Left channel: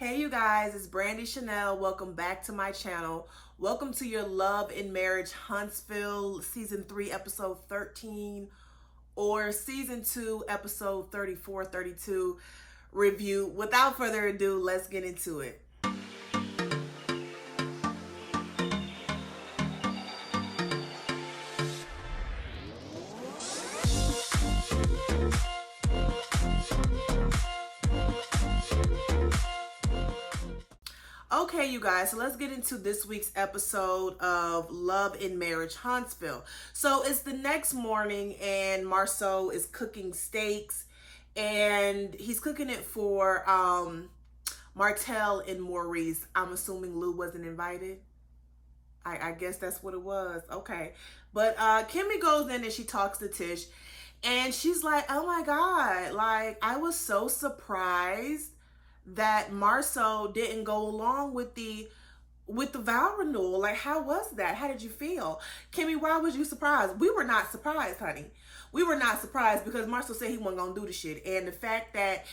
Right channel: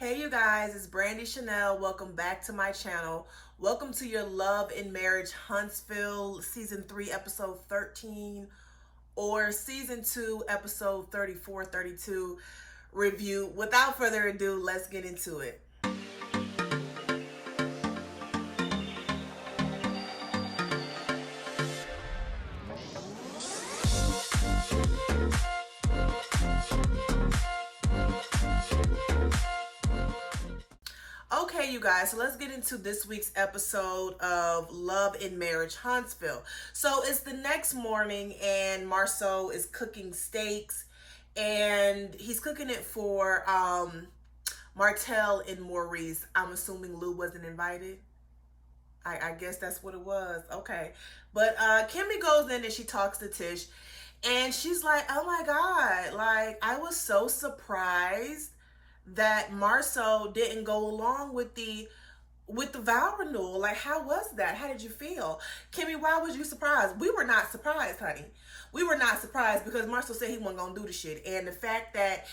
Hey you guys, it's Brandy Chanel. Welcome back to my channel. Welcome to your Love and Marriage Huntsville Season 3 Episode 13 or Season 2 Episode 34, 32 review. Without further ado, let's get into it. Okay, you guys, so let's get into this week's episode of Love and Marriage Huntsville. So it's the next morning and Marceau is cooking steaks and he's cooking it for Martell and Maurice. I'm assuming Lou wasn't invited. I guess that's what it was. Okay. But Kimmy goes in and she talks to Tish and she's like, oh my God, like I was so surprised that Marceau didn't go along with the vow renewal. Like, how was that? How did you feel? Kimmy, why was you surprised? We were not surprised, honey. We were not surprised because Marceau said he wasn't going to do the shit. And the fact that,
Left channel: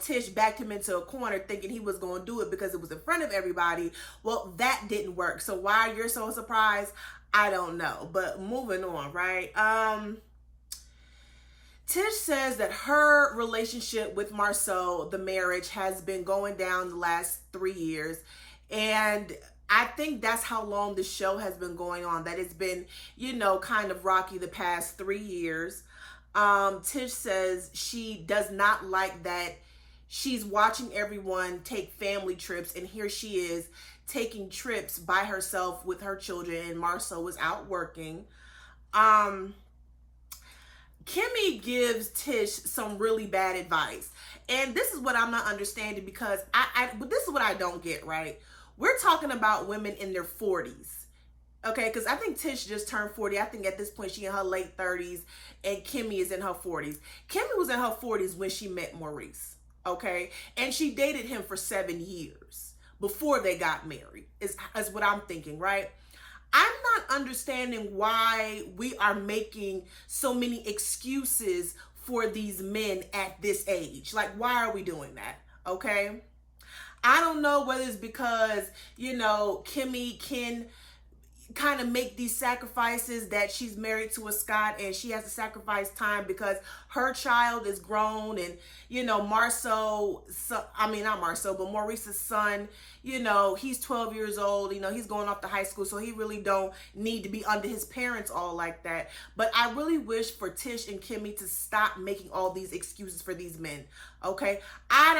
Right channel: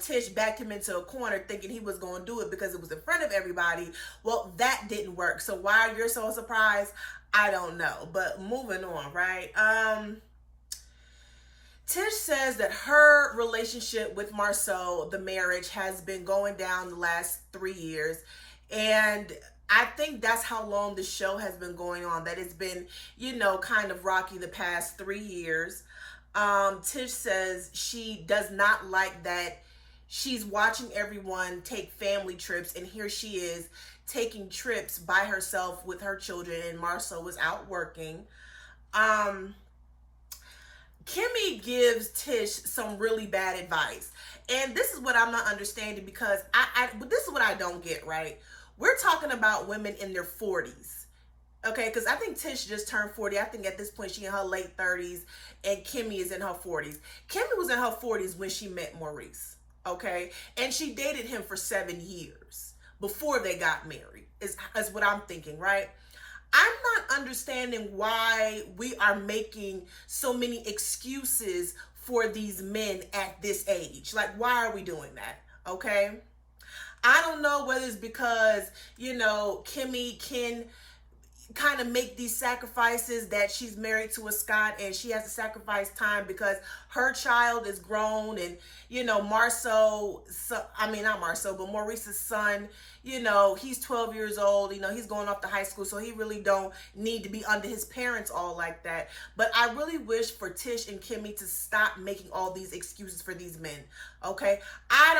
Tish backed him into a corner thinking he was going to do it because it was in front of everybody, well, that didn't work. So why you're so surprised, I don't know. But moving on, right? Tish says that her relationship with Marceau, the marriage, has been going down the last 3 years. And I think that's how long the show has been going on, that it's been, kind of rocky the past 3 years. Tish says she does not like that she's watching everyone take family trips, and here she is taking trips by herself with her children, and Marceau was out working. Kimmy gives Tish some really bad advice. And this is what I'm not understanding because this is what I don't get, right? We're talking about women in their 40s. Okay, because I think Tish just turned 40. I think at this point she in her late 30s and Kimmy is in her 40s. Kimmy was in her 40s when she met Maurice. Okay? And she dated him for 7 years before they got married, is what I'm thinking, right? I'm not understanding why we are making so many excuses for these men at this age. Like, why are we doing that? Okay? I don't know whether it's because, Kimmy can kind of make these sacrifices that she's married to a Scott and she has to sacrifice time because her child is grown and, Marceau, not Marceau, but Maurice's son, he's 12 years old, he's going off to high school, so he really don't need to be under his parents all like that. But I really wish for Tish and Kimmy to stop making all these excuses for these men, okay? I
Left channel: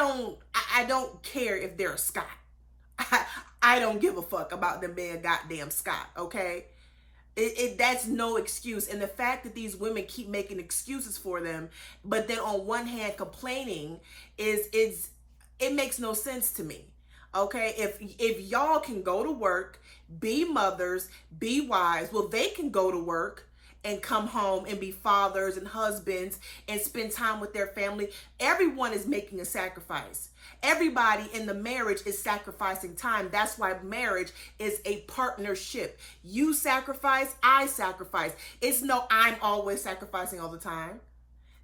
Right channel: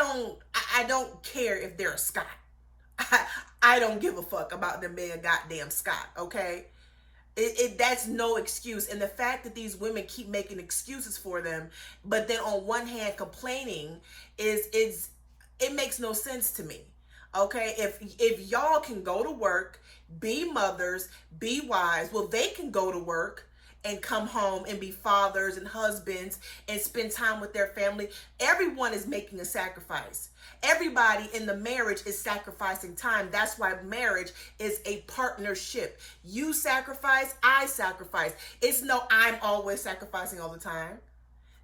don't care if they're a Scott. I don't give a fuck about them being goddamn Scott, okay? That's no excuse. And the fact that these women keep making excuses for them, but then on one hand complaining it makes no sense to me. Okay, if y'all can go to work, be mothers, be wives, well, they can go to work and come home and be fathers and husbands and spend time with their family. Everyone is making a sacrifice. Everybody in the marriage is sacrificing time. That's why marriage is a partnership. You sacrifice, I sacrifice. It's no, I'm always sacrificing all the time.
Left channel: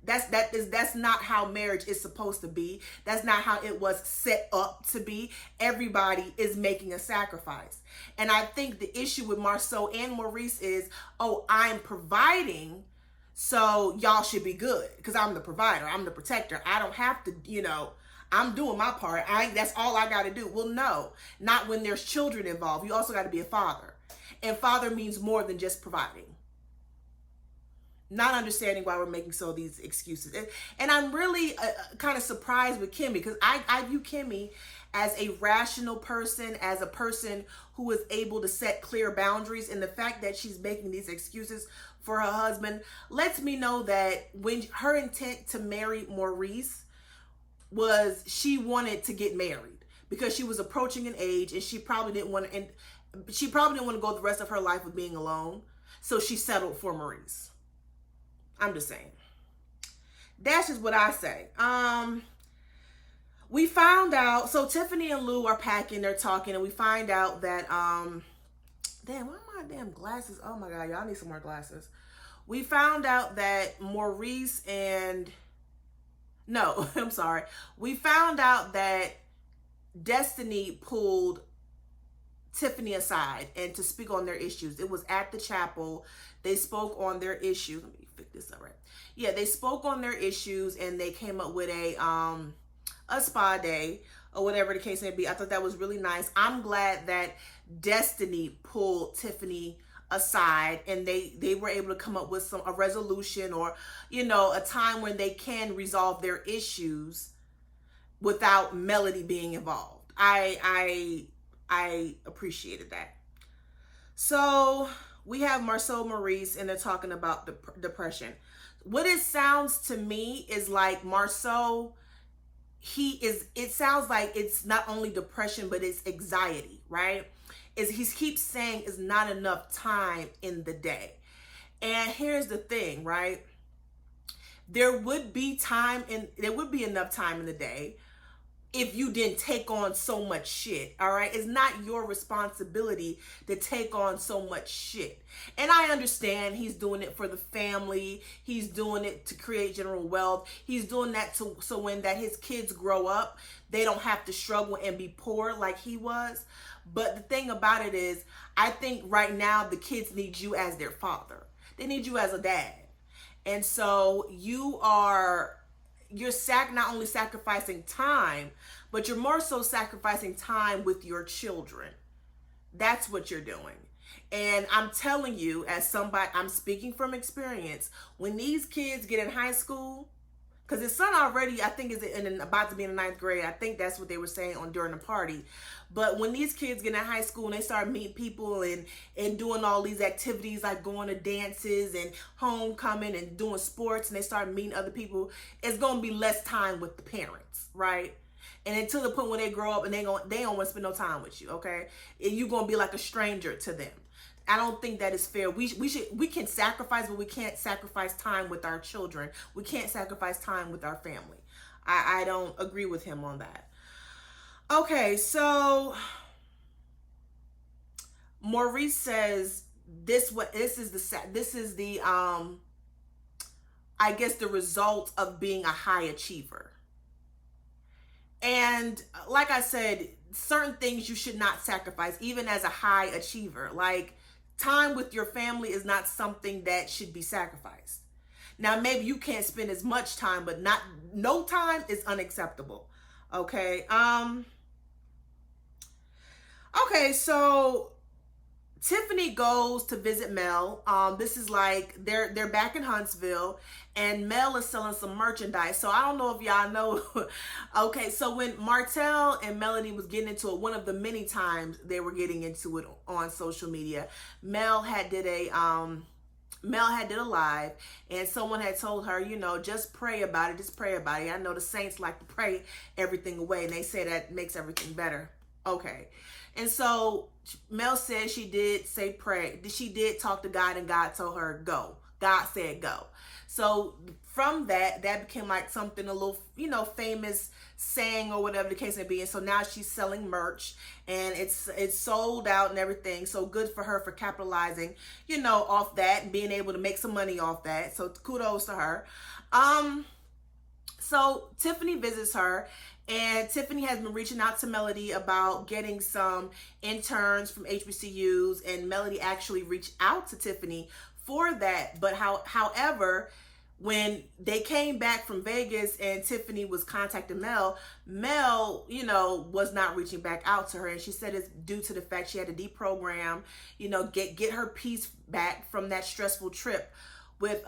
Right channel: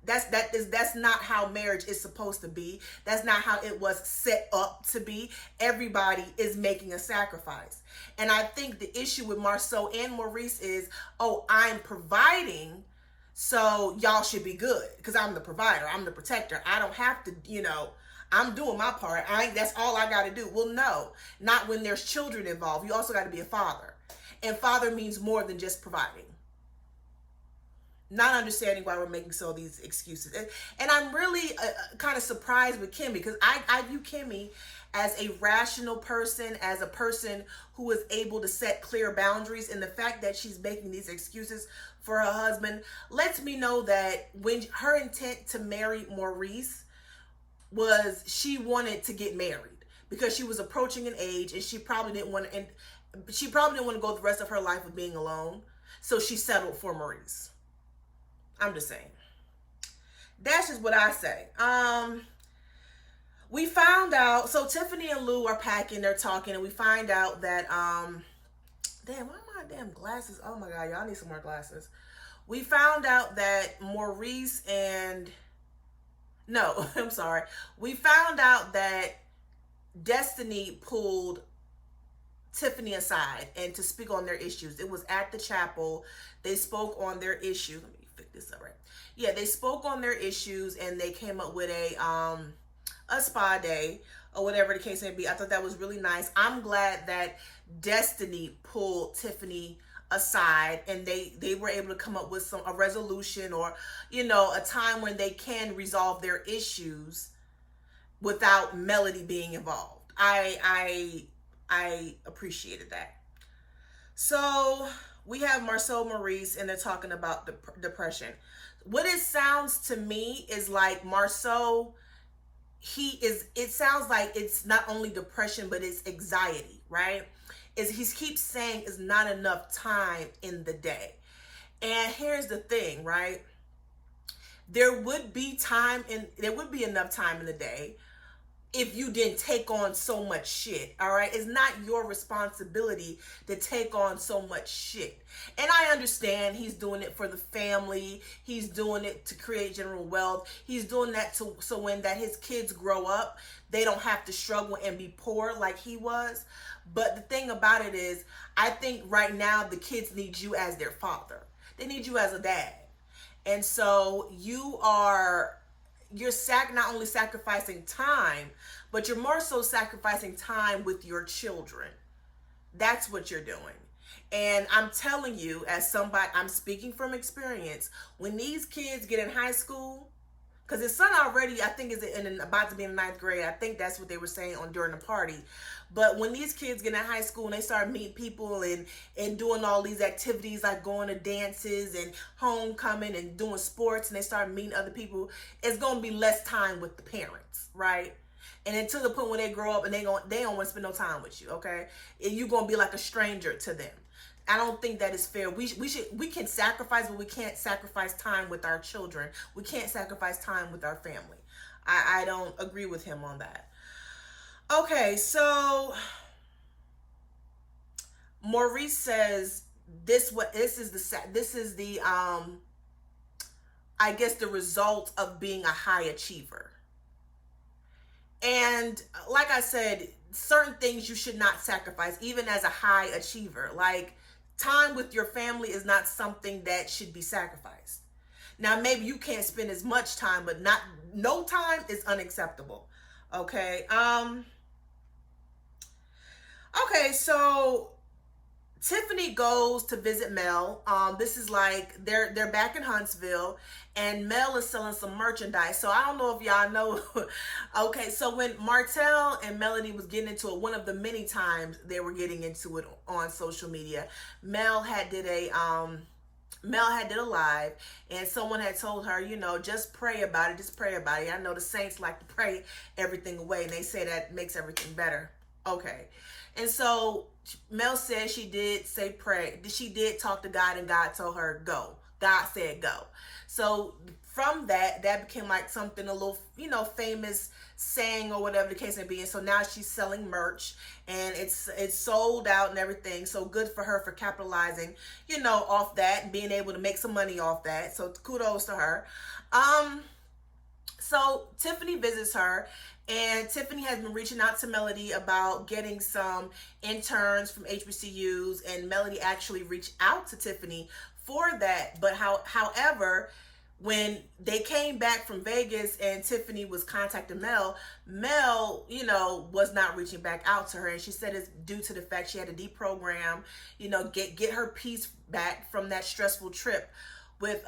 That's not how marriage is supposed to be. That's not how it was set up to be. Everybody is making a sacrifice. And I think the issue with Marceau and Maurice is, oh, I'm providing, so y'all should be good because I'm the provider. I'm the protector. I don't have to, I'm doing my part. That's all I got to do. Well, no, not when there's children involved. You also got to be a father. And father means more than just providing. Not understanding why we're making so these excuses. And I'm really kind of surprised with Kimmy because I view Kimmy as a rational person, as a person who is able to set clear boundaries. And the fact that she's making these excuses for her husband lets me know that when her intent to marry Maurice was she wanted to get married because she was approaching an age and she probably didn't want to go the rest of her life with being alone. So she settled for Maurice. I'm just saying. That's just what I say. We found out, so Tiffany and Lou are packing, they're talking, and we find out that, damn, why are my damn glasses? Oh my God, y'all need some more glasses. We found out that Maurice and, no, I'm sorry. We found out that Destiny pulled Tiffany aside and to speak on their issues. It was at the chapel. They spoke on their issue. Let me pick this up right. Yeah, they spoke on their issues and they came up with a spa day or whatever the case may be. I thought that was really nice. I'm glad that Destiny pulled Tiffany aside and they were able to come up with a resolution or a time when they can resolve their issues without Melody being involved. I appreciated that. So we have Marcel Maurice and they're talking about depression. What it sounds to me is like Marcel, it sounds like it's not only depression, but it's anxiety, right? He keeps saying it's not enough time in the day. And here's the thing, right? There would be enough time in the day if you didn't take on so much shit, all right? It's not your responsibility to take on so much shit. And I understand he's doing it for the family. He's doing it to create general wealth. He's doing that so when his kids grow up, they don't have to struggle and be poor like he was. But the thing about it is, I think right now the kids need you as their father. They need you as a dad. And so you're not only sacrificing time, but you're more so sacrificing time with your children. That's what you're doing. And I'm telling you, as somebody, I'm speaking from experience, when these kids get in high school, because his son already, I think, is about to be in the 9th grade. I think that's what they were saying during the party. But when these kids get in high school and they start meeting people and doing all these activities like going to dances and homecoming and doing sports, and they start meeting other people, it's going to be less time with the parents, right? And until the point when they grow up and they don't want to spend no time with you, okay? And you're going to be like a stranger to them. I don't think that is fair. We can sacrifice, but we can't sacrifice time with our children. We can't sacrifice time with our family. I don't agree with him on that. Okay, so Maurice says this is the I guess the result of being a high achiever. And like I said, certain things you should not sacrifice, even as a high achiever. Like, time with your family is not something that should be sacrificed. Now, maybe you can't spend as much time, but no time is unacceptable. Okay. Okay, so Tiffany goes to visit Mel. This is like they're back in Huntsville, and Mel is selling some merchandise. So I don't know if y'all know. Okay, so when Martell and Melody was getting into it, one of the many times they were getting into it on social media, Mel had did a live, and someone had told her, just pray about it. Just pray about it. I know the saints like to pray everything away, and they say that makes everything better. Okay. And so Mel said she did say pray. She did talk to God, and God told her go. God said go. So from that became like something a little, famous saying or whatever the case may be. And so now she's selling merch, and it's sold out and everything. So good for her for capitalizing, off that and being able to make some money off that. So kudos to her. So Tiffany visits her. And Tiffany has been reaching out to Melody about getting some interns from HBCUs, and Melody actually reached out to Tiffany for that. But however, when they came back from Vegas and Tiffany was contacting Mel, was not reaching back out to her. And she said it's due to the fact she had to deprogram, get her peace back from that stressful trip with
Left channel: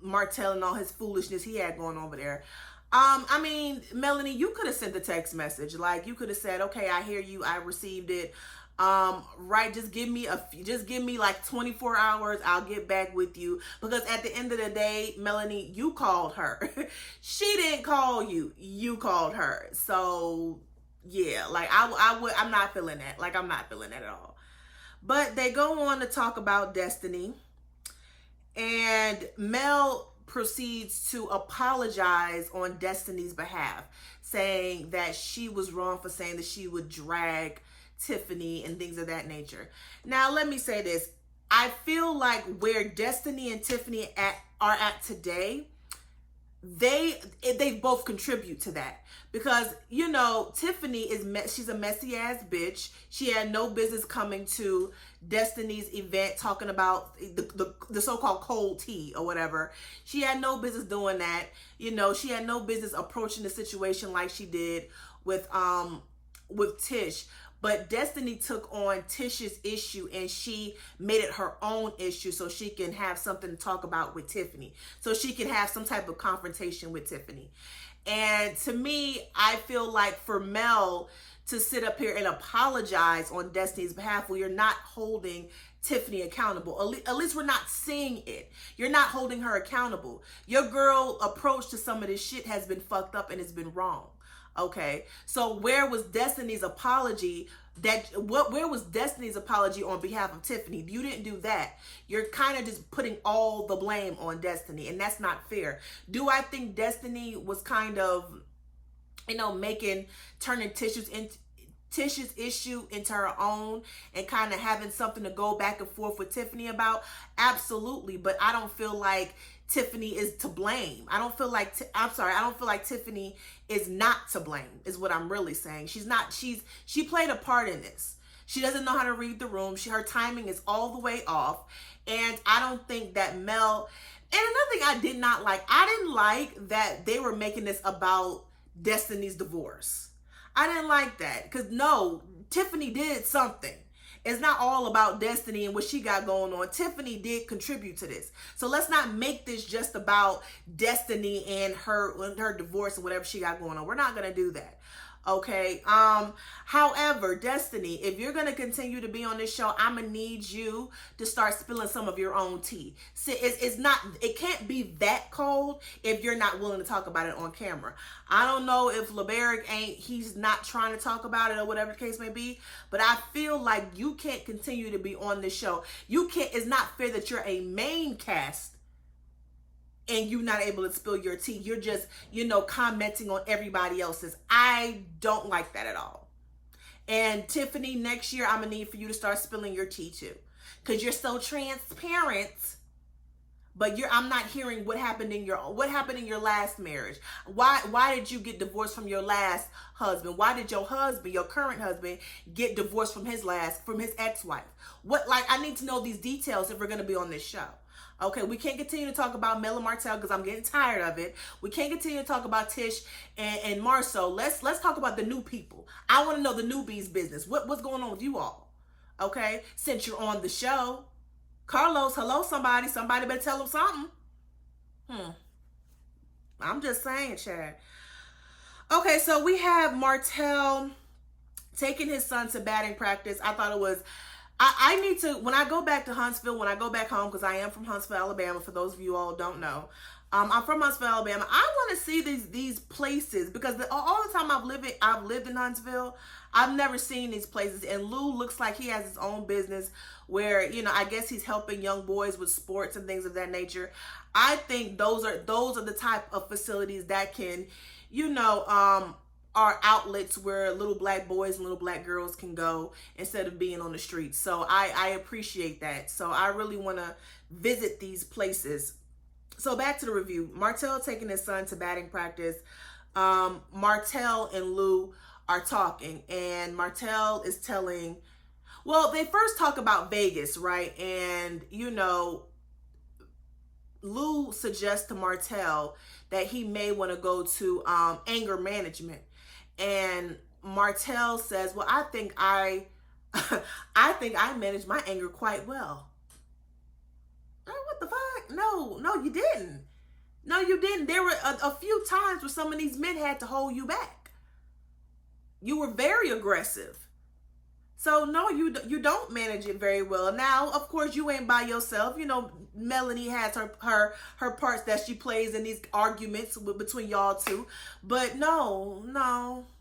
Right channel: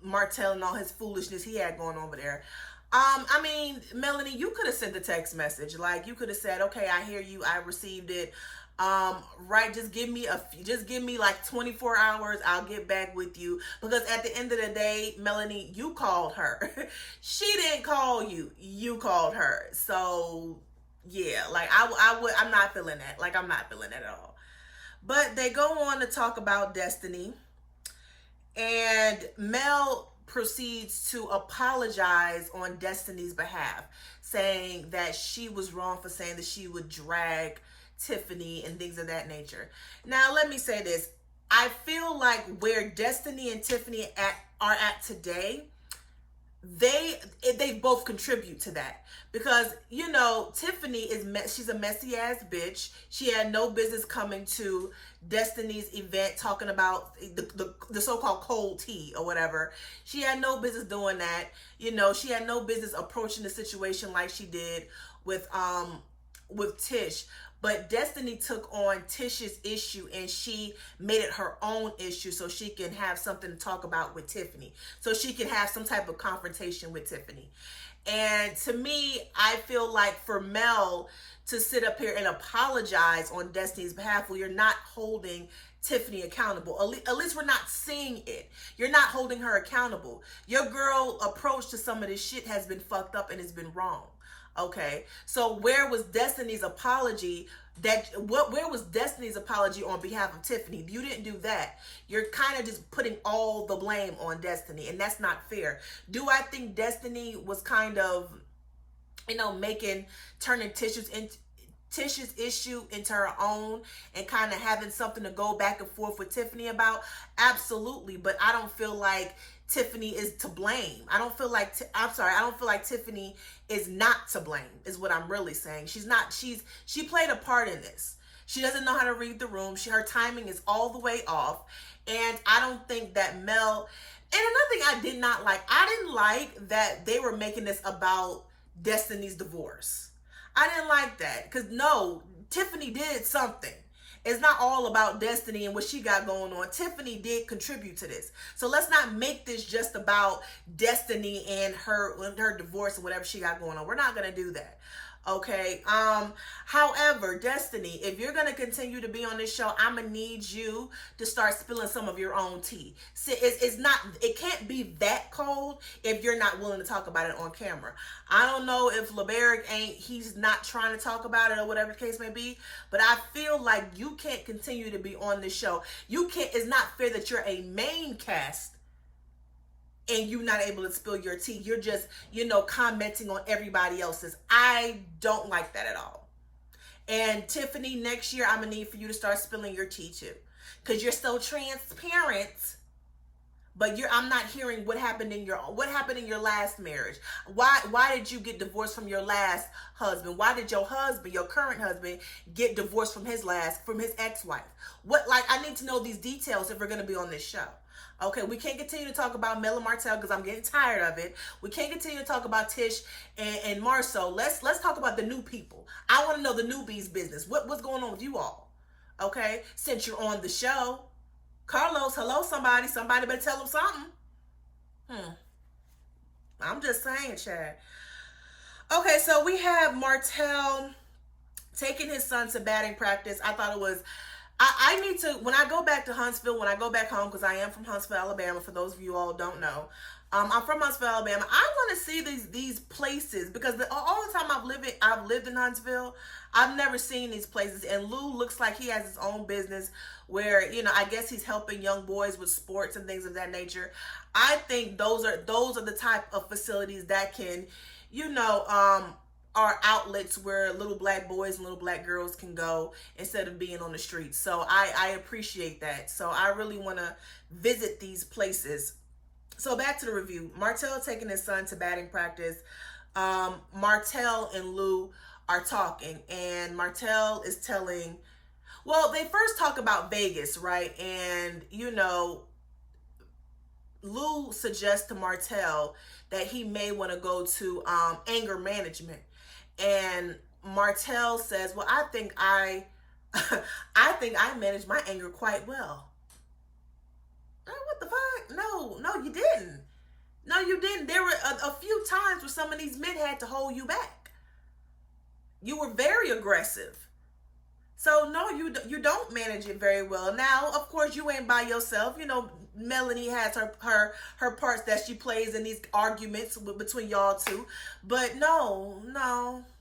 Martell and all his foolishness he had going over there. Melanie, you could have sent a text message. Like, you could have said, okay, I hear you. I received it. Right. Just give me like 24 hours. I'll get back with you. Because at the end of the day, Melanie, you called her. She didn't call you. You called her. So yeah, like I'm not feeling that. Like, I'm not feeling that at all. But they go on to talk about Destiny, and Mel proceeds to apologize on Destiny's behalf, saying that she was wrong for saying that she would drag Tiffany and things of that nature. Now, let me say this. I feel like where Destiny and Tiffany are at today, they both contribute to that, because Tiffany she's a messy ass bitch. She had no business coming to Destiny's event talking about the so-called cold tea or whatever. She had no business doing that. She had no business approaching the situation like she did with Tish. But Destiny took on Tish's issue and she made it her own issue so she can have something to talk about with Tiffany. So she can have some type of confrontation with Tiffany. And to me, I feel like for Mel to sit up here and apologize on Destiny's behalf, well, you're not holding Tiffany accountable. At least we're not seeing it. You're not holding her accountable. Your girl approach to some of this shit has been fucked up and it's been wrong. Okay, so where was Destiny's apology? Where was Destiny's apology on behalf of Tiffany? You didn't do that. You're kind of just putting all the blame on Destiny, and that's not fair. Do I think Destiny was kind of, turning Tish's issue into her own and kind of having something to go back and forth with Tiffany about? Absolutely, but I don't feel like Tiffany is to blame. I don't feel like Tiffany is not to blame, is what I'm really saying. She played a part in this. She doesn't know how to read the room. Her timing is all the way off. And I don't think that Mel, and another thing I did not like, I didn't like that they were making this about Destiny's divorce. I didn't like that because no, Tiffany did something. It's not all about Destiny and what she got going on. Tiffany did contribute to this. So let's not make this just about Destiny and her divorce and whatever she got going on. We're not going to do that. Okay. However, Destiny, if you're going to continue to be on this show, I'm going to need you to start spilling some of your own tea. See, it can't be that cold if you're not willing to talk about it on camera. I don't know if LeBaric he's not trying to talk about it or whatever the case may be, but I feel like you can't continue to be on this show. It's not fair that you're a main cast and you're not able to spill your tea. You're just, commenting on everybody else's. I don't like that at all. And Tiffany, next year, I'm going to need for you to start spilling your tea too. Because you're so transparent, but I'm not hearing what happened in your last marriage. Why did you get divorced from your last husband? Why did your current husband, get divorced from his ex-wife? I need to know these details if we're going to be on this show. Okay, we can't continue to talk about Mel and Martell because I'm getting tired of it. We can't continue to talk about Tish and Marceau. Let's talk about the new people. I want to know the newbies' business. What's going on with you all? Okay, since you're on the show. Carlos, hello, somebody. Somebody better tell him something. I'm just saying, Chad. Okay, so we have Martell taking his son to batting practice. I thought it was... I need to, when I go back to Huntsville, when I go back home, because I am from Huntsville, Alabama, for those of you all who don't know. I'm from Huntsville, Alabama. I want to see these places because all the time I've lived in Huntsville, I've never seen these places. And Lou looks like he has his own business where, I guess he's helping young boys with sports and things of that nature. I think those are the type of facilities that can, are outlets where little black boys and little black girls can go instead of being on the streets. So I appreciate that. So I really want to visit these places. So back to the review. Martell taking his son to batting practice. Martell and Lou are talking, and Martell is telling, well, they first talk about Vegas, right? And, Lou suggests to Martell that he may want to go to anger management. And Martell says, well, I think I managed my anger quite well. What the fuck? No, you didn't. No, you didn't. There were a few times where some of these men had to hold you back. You were very aggressive. So no, you don't manage it very well. Now, of course, you ain't by yourself. Melanie has her parts that she plays in these arguments between y'all two. But no.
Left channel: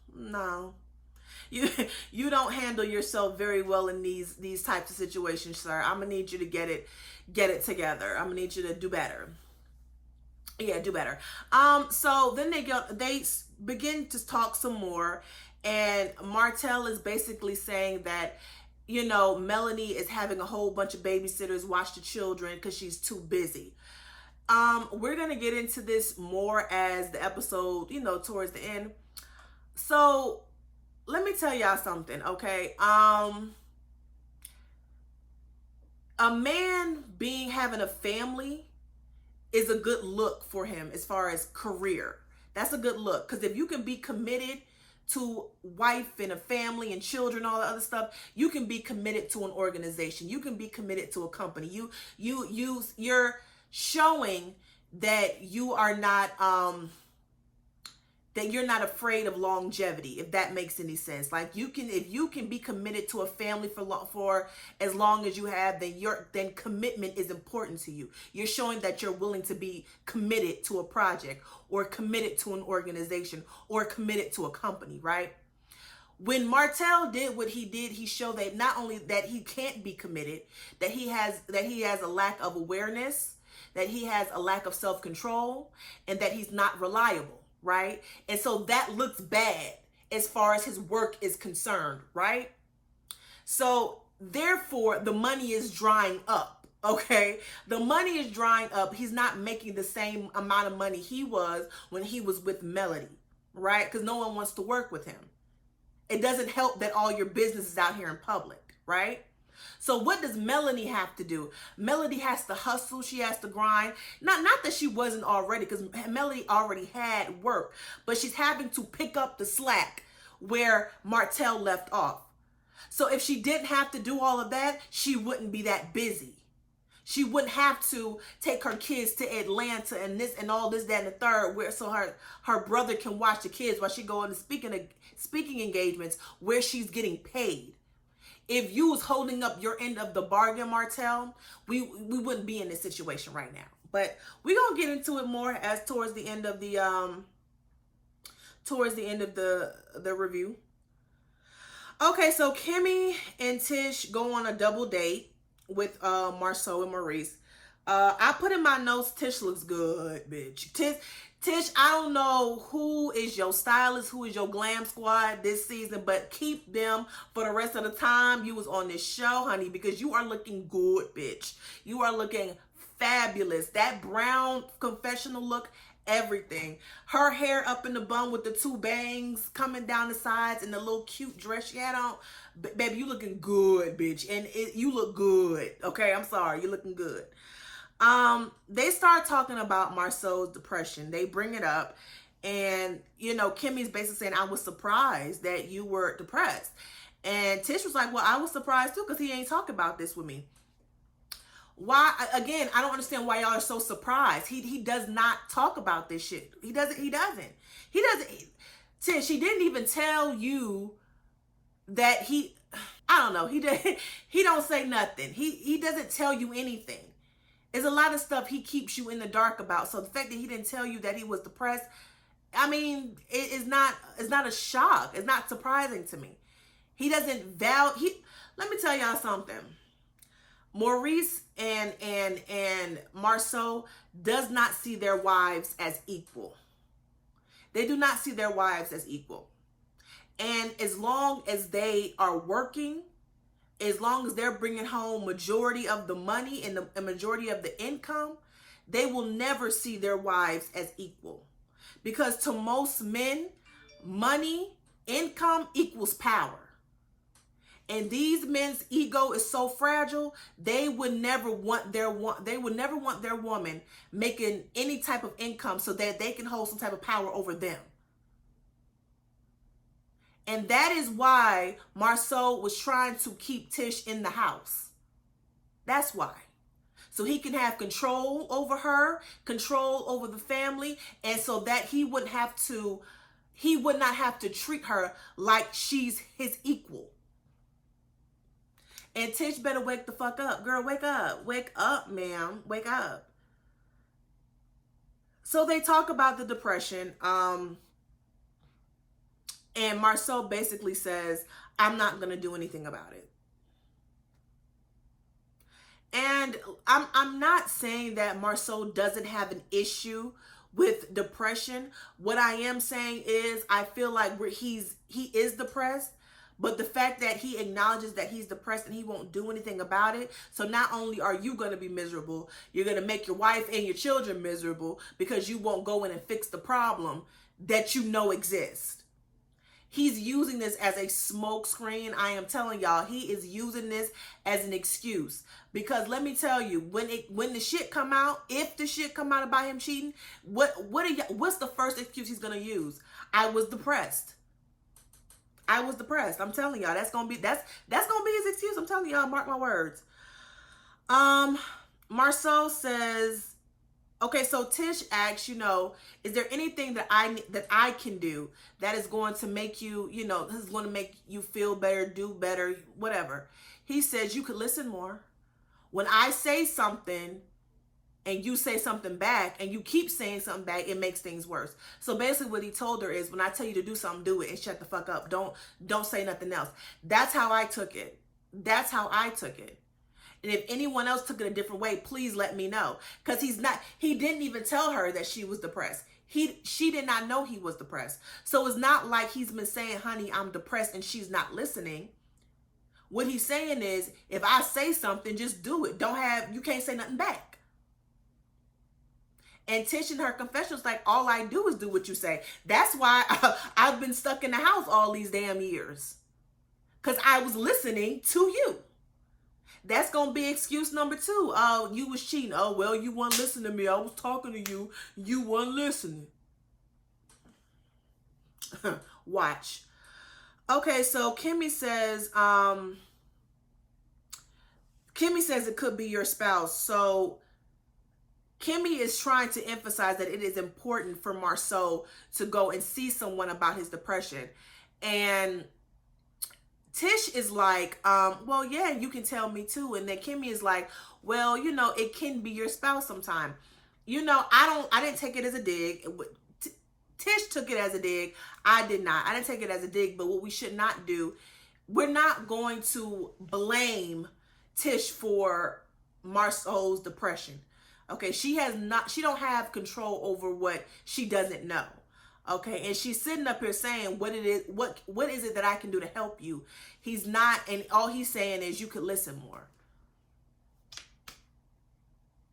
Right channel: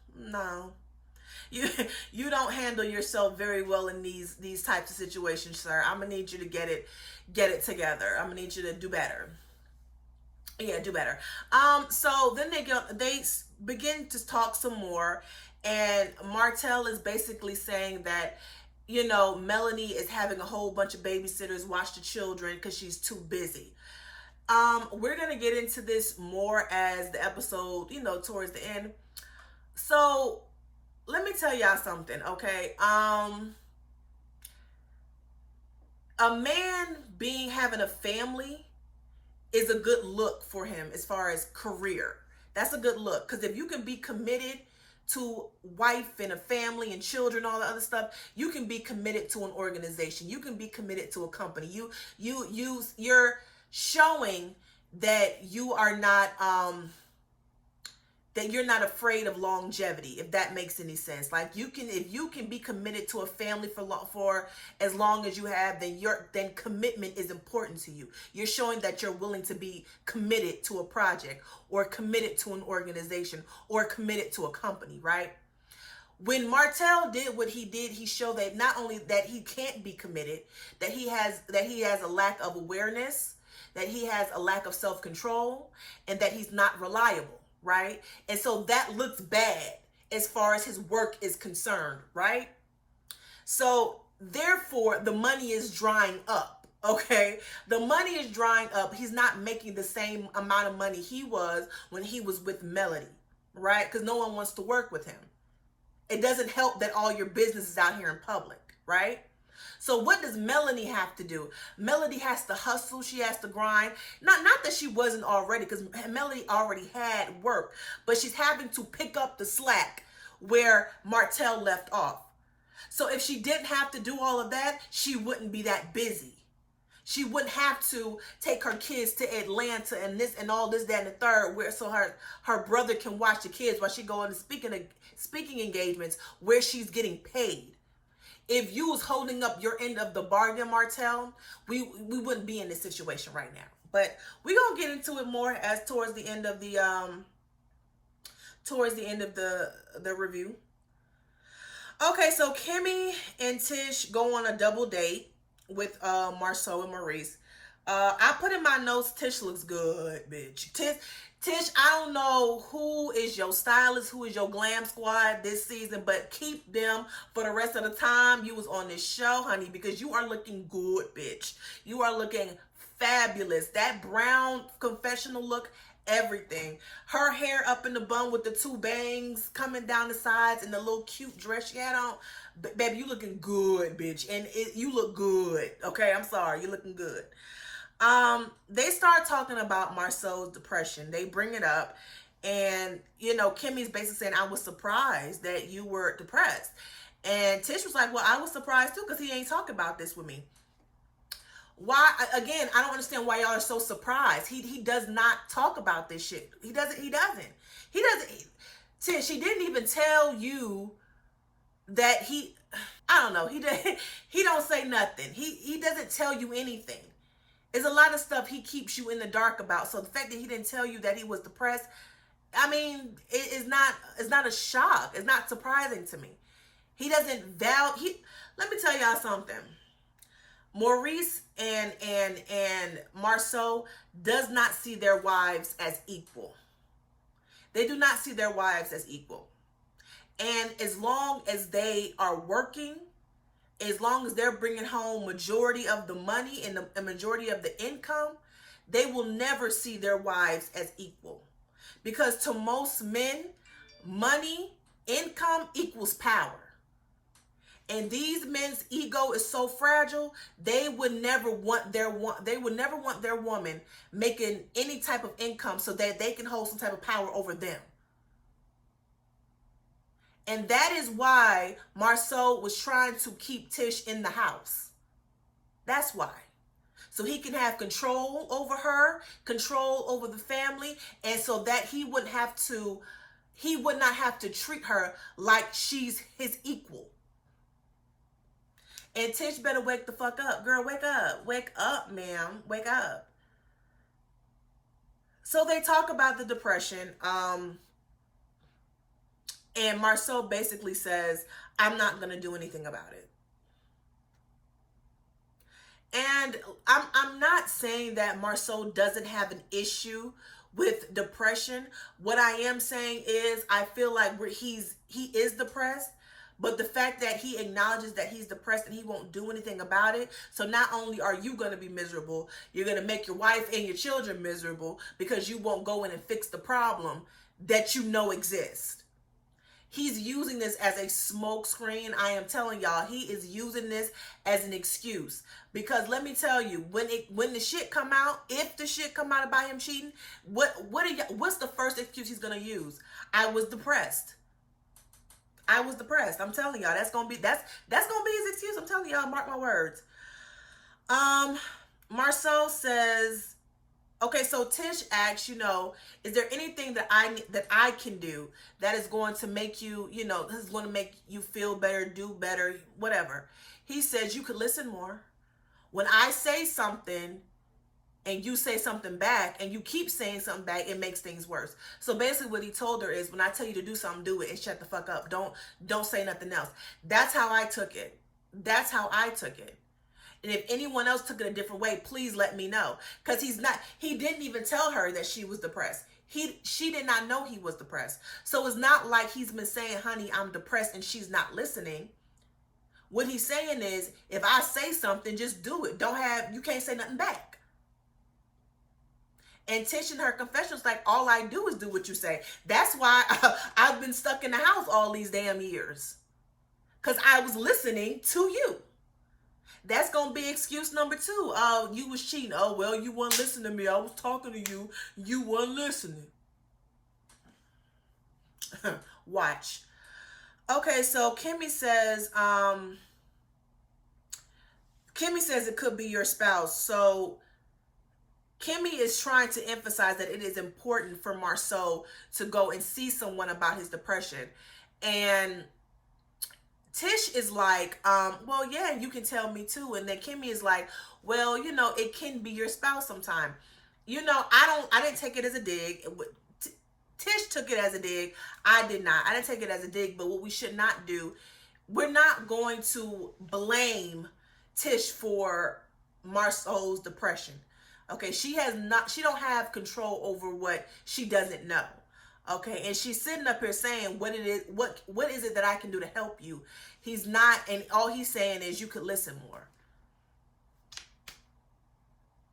You don't handle yourself very well in these types of situations, sir. I'm gonna need you to get it together. I'm gonna need you to do better. Yeah, do better. So then they begin to talk some more. And Martell is basically saying that, Melanie is having a whole bunch of babysitters watch the children because she's too busy. We're going to get into this more as the episode, towards the end. So let me tell y'all something, okay? A man being having a family is a good look for him as far as career. That's a good look, because if you can be committed to wife and a family and children, all the other stuff, you can be committed to an organization. You can be committed to a company. You're showing that you are not that you're not afraid of longevity, if that makes any sense. Like, you can, if you can be committed to a family for as long as you have, then commitment is important to you. You're showing that you're willing to be committed to a project, or committed to an organization, or committed to a company, right? When Martell did what he did, he showed that not only that he can't be committed, that he has a lack of awareness, that he has a lack of self-control, and that he's not reliable, right? And so that looks bad as far as his work is concerned, right? So therefore, the money is drying up, okay? The money is drying up. He's not making the same amount of money he was when he was with Melody, right? Because no one wants to work with him. It doesn't help that all your business is out here in public, right? So what does Melody have to do? Melody has to hustle. She has to grind. Not that she wasn't already, because Melody already had work, but she's having to pick up the slack where Martell left off. So if she didn't have to do all of that, she wouldn't be that busy. She wouldn't have to take her kids to Atlanta and this and all this, that, and the third, where so her brother can watch the kids while she go into speaking engagements where she's getting paid. If you was holding up your end of the bargain, Martell, we wouldn't be in this situation right now. But we're gonna get into it more as towards the end of the review. Okay, so Kimmy and Tish go on a double date with Marceau and Maurice. I put in my notes, Tish looks good, bitch. Tish, I don't know who is your stylist, who is your glam squad this season, but keep them for the rest of the time you was on this show, honey, because you are looking good, bitch. You are looking fabulous. That brown confessional look, everything. Her hair up in the bun with the two bangs coming down the sides and the little cute dress she had on. Baby, you looking good, bitch. And you look good. Okay, I'm sorry. You looking good. They start talking about Marceau's depression. They bring it up, and Kimmy's basically saying, I was surprised that you were depressed. And Tish was like, well, I was surprised too, because he ain't talking about this with me. Why? Again, I don't understand why y'all are so surprised. He does not talk about this shit. He doesn't. Tish, he didn't even tell you that I don't know. He don't say nothing. He doesn't tell you anything. There's a lot of stuff he keeps you in the dark about. So the fact that he didn't tell you that he was depressed, I mean, it's not a shock. It's not surprising to me. He doesn't let me tell y'all something. Maurice and Marceau does not see their wives as equal. They do not see their wives as equal. And as long as they are working, as long as they're bringing home majority of the money and the majority of the income, they will never see their wives as equal. Because to most men, money, income equals power. And these men's ego is so fragile, they would never want their woman making any type of income so that they can hold some type of power over them. And that is why Marceau was trying to keep Tish in the house. That's why. So he can have control over her, control over the family, and so that he would not have to treat her like she's his equal. And Tish better wake the fuck up. Girl, wake up. Wake up, ma'am. Wake up. So they talk about the depression. And Marceau basically says, I'm not going to do anything about it. And I'm not saying that Marceau doesn't have an issue with depression. What I am saying is I feel like he is depressed, but the fact that he acknowledges that he's depressed and he won't do anything about it. So not only are you going to be miserable, you're going to make your wife and your children miserable because you won't go in and fix the problem that you know exists. He's using this as a smoke screen. I am telling y'all, he is using this as an excuse. Because let me tell you, when the shit come out, if the shit come out about him cheating, what's the first excuse he's gonna use? I was depressed. I was depressed. I'm telling y'all, that's gonna be his excuse. I'm telling y'all, mark my words. Marceau says, okay, so Tish asks, is there anything that I can do that is going to make you, this is going to make you feel better, do better, whatever. He says you could listen more. When I say something and you say something back and you keep saying something back, it makes things worse. So basically what he told her is, when I tell you to do something, do it and shut the fuck up. Don't say nothing else. That's how I took it. That's how I took it. And if anyone else took it a different way, please let me know. Because he didn't even tell her that she was depressed. She did not know he was depressed. So it's not like he's been saying, honey, I'm depressed, and she's not listening. What he's saying is, if I say something, just do it. You can't say nothing back. And Tish in her confession was like, all I do is do what you say. That's why I've been stuck in the house all these damn years. Because I was listening to you. That's going to be excuse number 2. Oh, you was cheating. Oh, well, you weren't listening to me. I was talking to you. You weren't listening. Watch. Okay, so Kimmy says it could be your spouse. So Kimmy is trying to emphasize that it is important for Marceau to go and see someone about his depression. And Tish is like, well, yeah, you can tell me too. And then Kimmy is like, well, it can be your spouse sometime. I didn't take it as a dig. Tish took it as a dig. I did not. I didn't take it as a dig, but what we should not do, we're not going to blame Tish for Marceau's depression. Okay, she don't have control over what she doesn't know. Okay, and she's sitting up here saying what is it that I can do to help you? He's not, and all he's saying is you could listen more.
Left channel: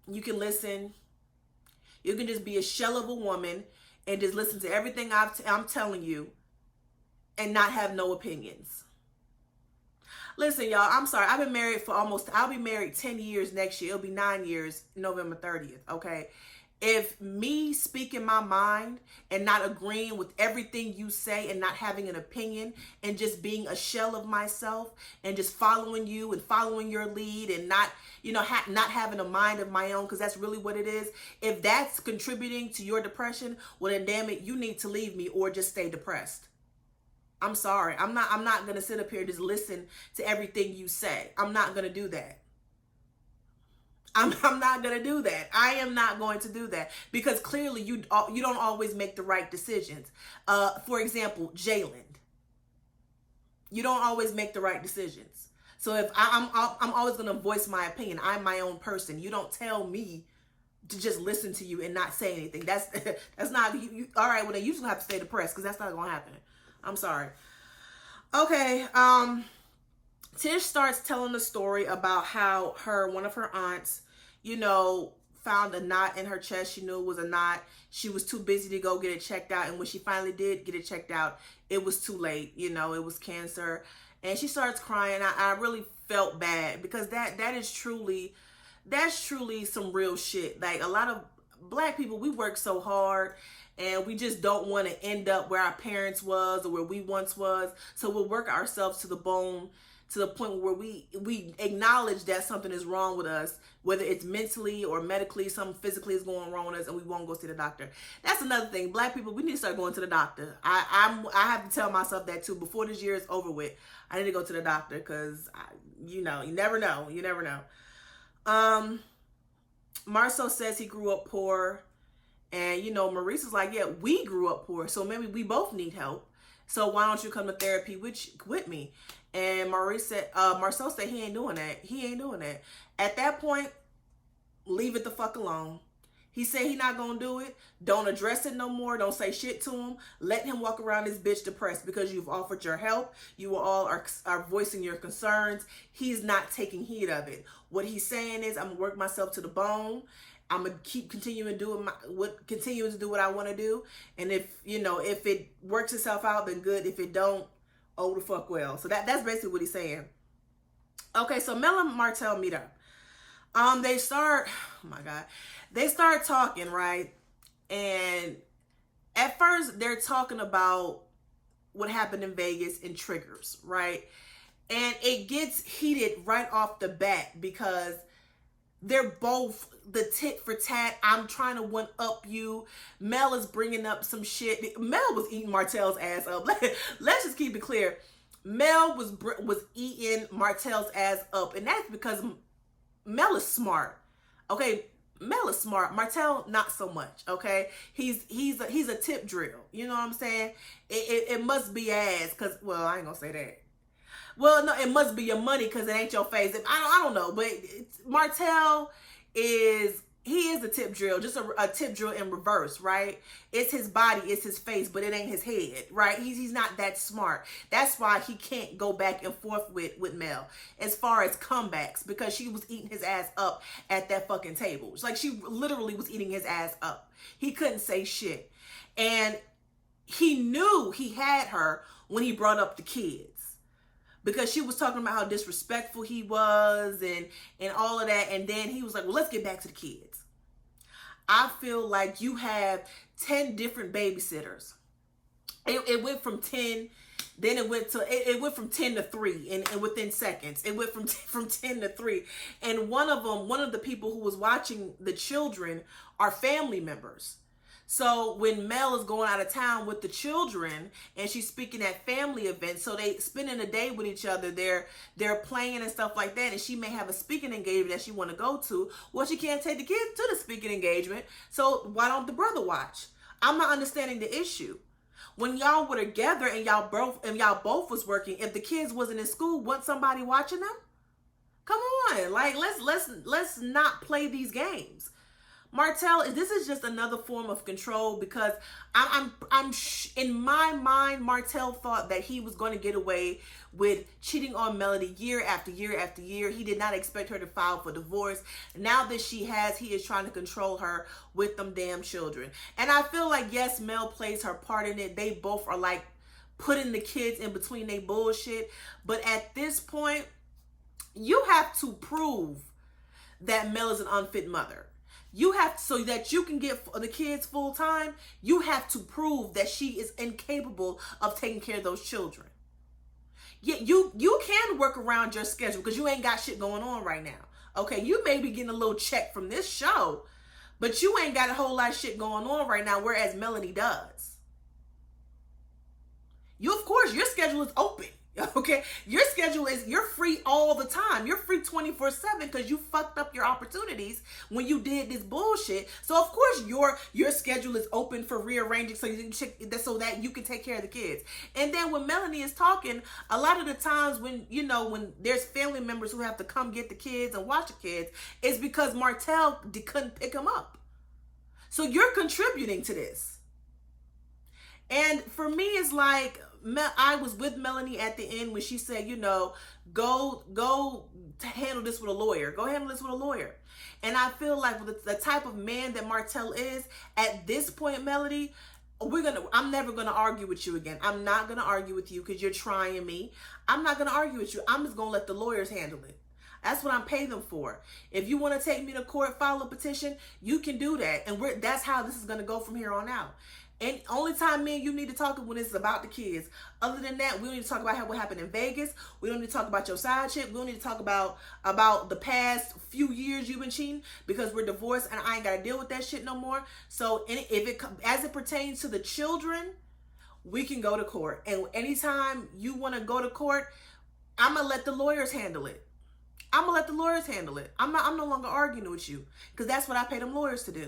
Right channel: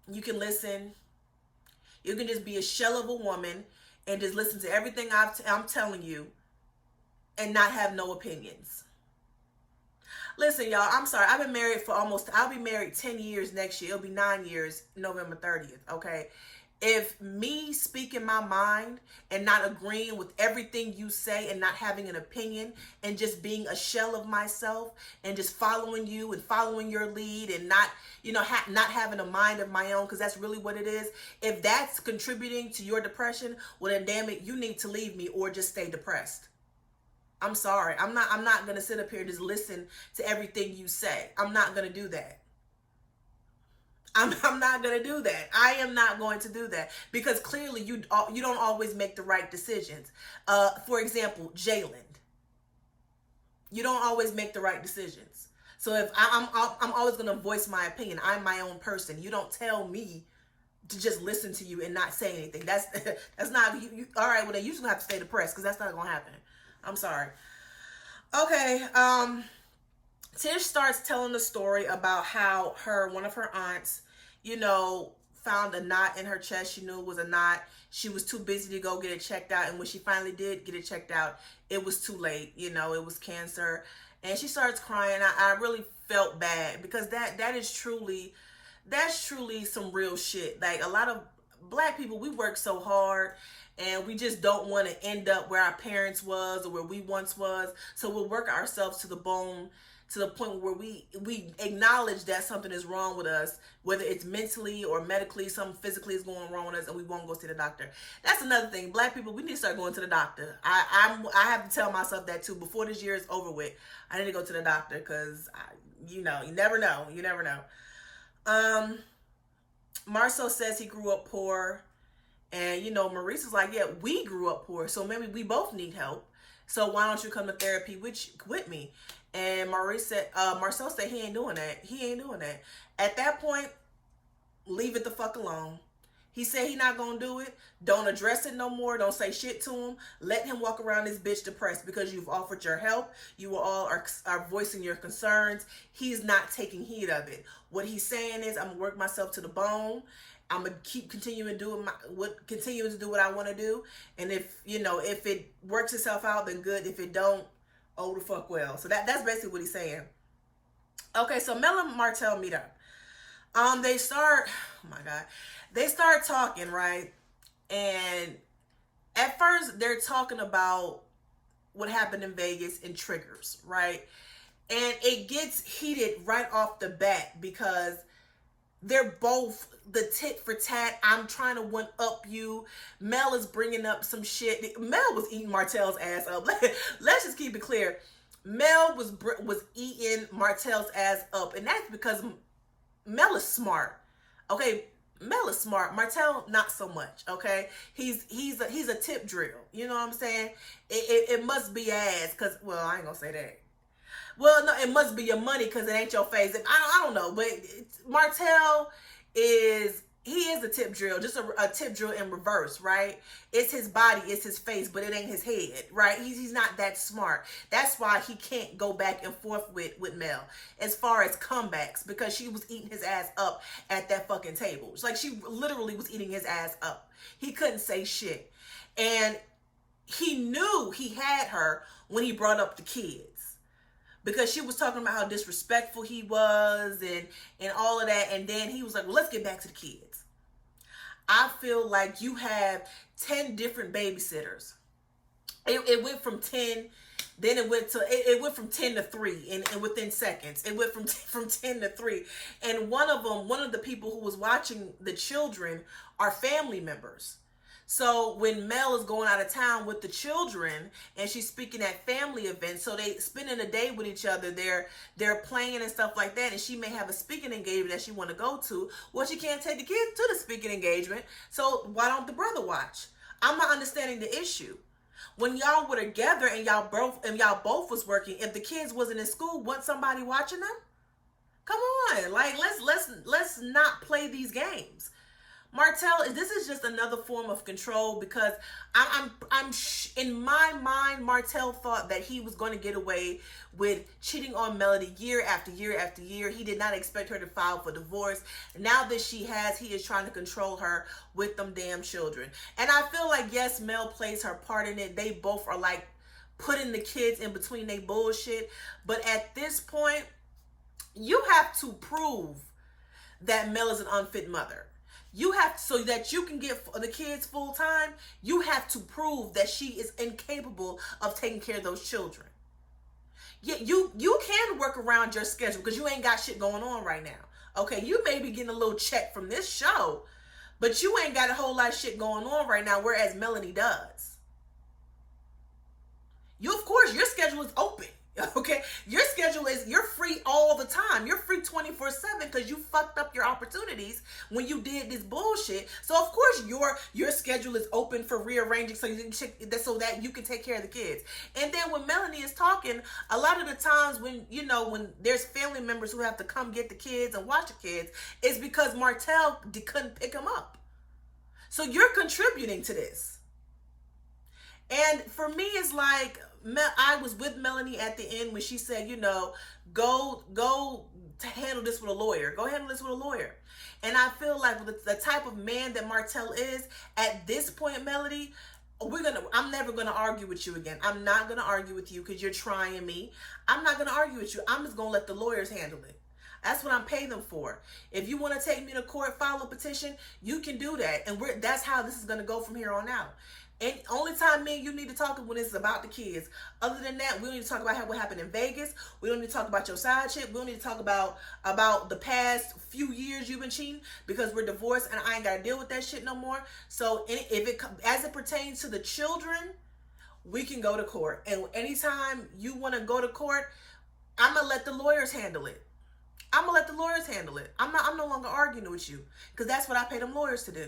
You can listen. You can just be a shell of a woman and just listen to everything I'm telling you and not have no opinions. Listen, y'all, I'm sorry. I'll be married 10 years next year. It'll be 9 years, November 30th, okay? If me speaking my mind and not agreeing with everything you say and not having an opinion and just being a shell of myself and just following you and following your lead and not, not having a mind of my own, because that's really what it is. If that's contributing to your depression, well then damn it, you need to leave me or just stay depressed. I'm sorry. I'm not going to sit up here and just listen to everything you say. I'm not going to do that. I'm not going to do that. I am not going to do that because clearly you don't always make the right decisions. For example, Jalen, you don't always make the right decisions. So if I'm always going to voice my opinion. I'm my own person. You don't tell me to just listen to you and not say anything. That's not all right. Well, then you just have to stay depressed because that's not going to happen. I'm sorry. Okay. Tish starts telling the story about how one of her aunts, found a knot in her chest. She knew it was a knot. She was too busy to go get it checked out. And when she finally did get it checked out, it was too late. It was cancer. And she starts crying. I really felt bad because that's truly some real shit. Like a lot of Black people, we work so hard and we just don't want to end up where our parents was or where we once was. So we'll work ourselves to the bone, to the point where we acknowledge that something is wrong with us, whether it's mentally or medically, something physically is going wrong with us, and we won't go see the doctor. That's another thing. Black people, we need to start going to the doctor. I have to tell myself that too. Before this year is over with, I need to go to the doctor because, you never know. You never know. Marceau says he grew up poor, and, Maurice is like, yeah, we grew up poor, so maybe we both need help. So why don't you come to therapy with me? And Marceau said he ain't doing that. He ain't doing that. At that point, leave it the fuck alone. He said he not gonna do it. Don't address it no more. Don't say shit to him. Let him walk around this bitch depressed because you've offered your help. You all are voicing your concerns. He's not taking heed of it. What he's saying is, I'm gonna work myself to the bone I'm gonna keep continuing doing continuing to do what I want to do. And if if it works itself out, then good. If it don't, oh the fuck well. So that's basically what he's saying. Okay, so Mel and Martell meet up. They start. Oh my god, they start talking, right? And at first they're talking about what happened in Vegas and triggers, right? And it gets heated right off the bat because they're both the tit for tat. I'm trying to one up you. Mel is bringing up some shit. Mel was eating Martell's ass up. Let's just keep it clear. Mel was eating Martell's ass up, and that's because Mel is smart. Okay, Mel is smart. Martell not so much. Okay, he's a tip drill. You know what I'm saying? It must be ass because, well, I ain't gonna say that. Well, no, it must be your money because it ain't your face. I don't know, but Martell is a tip drill, just a tip drill in reverse, right? It's his body, it's his face, but it ain't his head, right? He's not that smart. That's why he can't go back and forth with Mel as far as comebacks, because she was eating his ass up at that fucking table. It's like she literally was eating his ass up. He couldn't say shit. And he knew he had her when he brought up the kids, because she was talking about how disrespectful he was and all of that. And then he was like, well, let's get back to the kids. I feel like you have 10 different babysitters. It went from 10, then it went from 10 to 3 and within seconds. It went from 10 to 3. And one of the people who was watching the children are family members. So when Mel is going out of town with the children and she's speaking at family events, so they spending a day with each other, they're playing and stuff like that, and she may have a speaking engagement that she want to go to. Well, she can't take the kids to the speaking engagement, so why don't the brother watch? I'm not understanding the issue. When y'all were together and y'all both was working, if the kids wasn't in school, wasn't somebody watching them? Come on, like let's not play these games. Martell, this is just another form of control, because I'm in my mind, Martell thought that he was going to get away with cheating on Melody year after year after year. He did not expect her to file for divorce. Now that she has, he is trying to control her with them damn children. And I feel like, yes, Mel plays her part in it. They both are like putting the kids in between they bullshit. But at this point, you have to prove that Mel is an unfit mother. You have, so that you can get the kids full time, you have to prove that she is incapable of taking care of those children. Yeah, you can work around your schedule because you ain't got shit going on right now. Okay, you may be getting a little check from this show, but you ain't got a whole lot of shit going on right now, whereas Melanie does. You, of course, your schedule is open. Okay, your schedule is, you're free all the time. You're free 24/7 because you fucked up your opportunities when you did this bullshit. So of course your schedule is open for rearranging so that you can take care of the kids. And then when Melanie is talking, a lot of the times when there's family members who have to come get the kids and watch the kids, is because Martell couldn't pick them up. So you're contributing to this. And for me, it's like, I was with Melanie at the end when she said, go to handle this with a lawyer. Go handle this with a lawyer. And I feel like with the type of man that Martell is, at this point, Melody, I'm never going to argue with you again. I'm not going to argue with you because you're trying me. I'm not going to argue with you. I'm just going to let the lawyers handle it. That's what I'm paying them for. If you want to take me to court, file a petition, you can do that. And that's how this is going to go from here on out. And only time me and you need to talk when it's about the kids. Other than that, we don't need to talk about what happened in Vegas. We don't need to talk about your side chick. We don't need to talk about the past few years you've been cheating, because we're divorced and I ain't got to deal with that shit no more. So as it pertains to the children, we can go to court. And anytime you want to go to court, I'm going to let the lawyers handle it. I'm going to let the lawyers handle it. I'm no longer arguing with you, because that's what I pay them lawyers to do.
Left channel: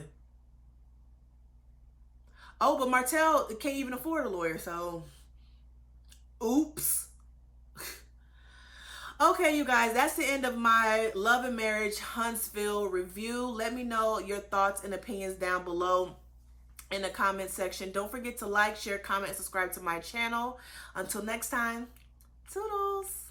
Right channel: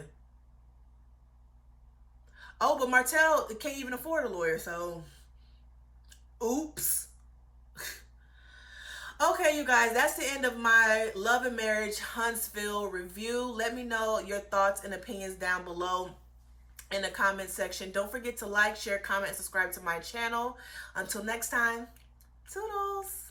Oh, but Martell can't even afford a lawyer, so oops. Okay, you guys, that's the end of my Love and Marriage Huntsville review. Let me know your thoughts and opinions down below in the comment section. Don't forget to like, share, comment, and subscribe to my channel. Until next time, toodles.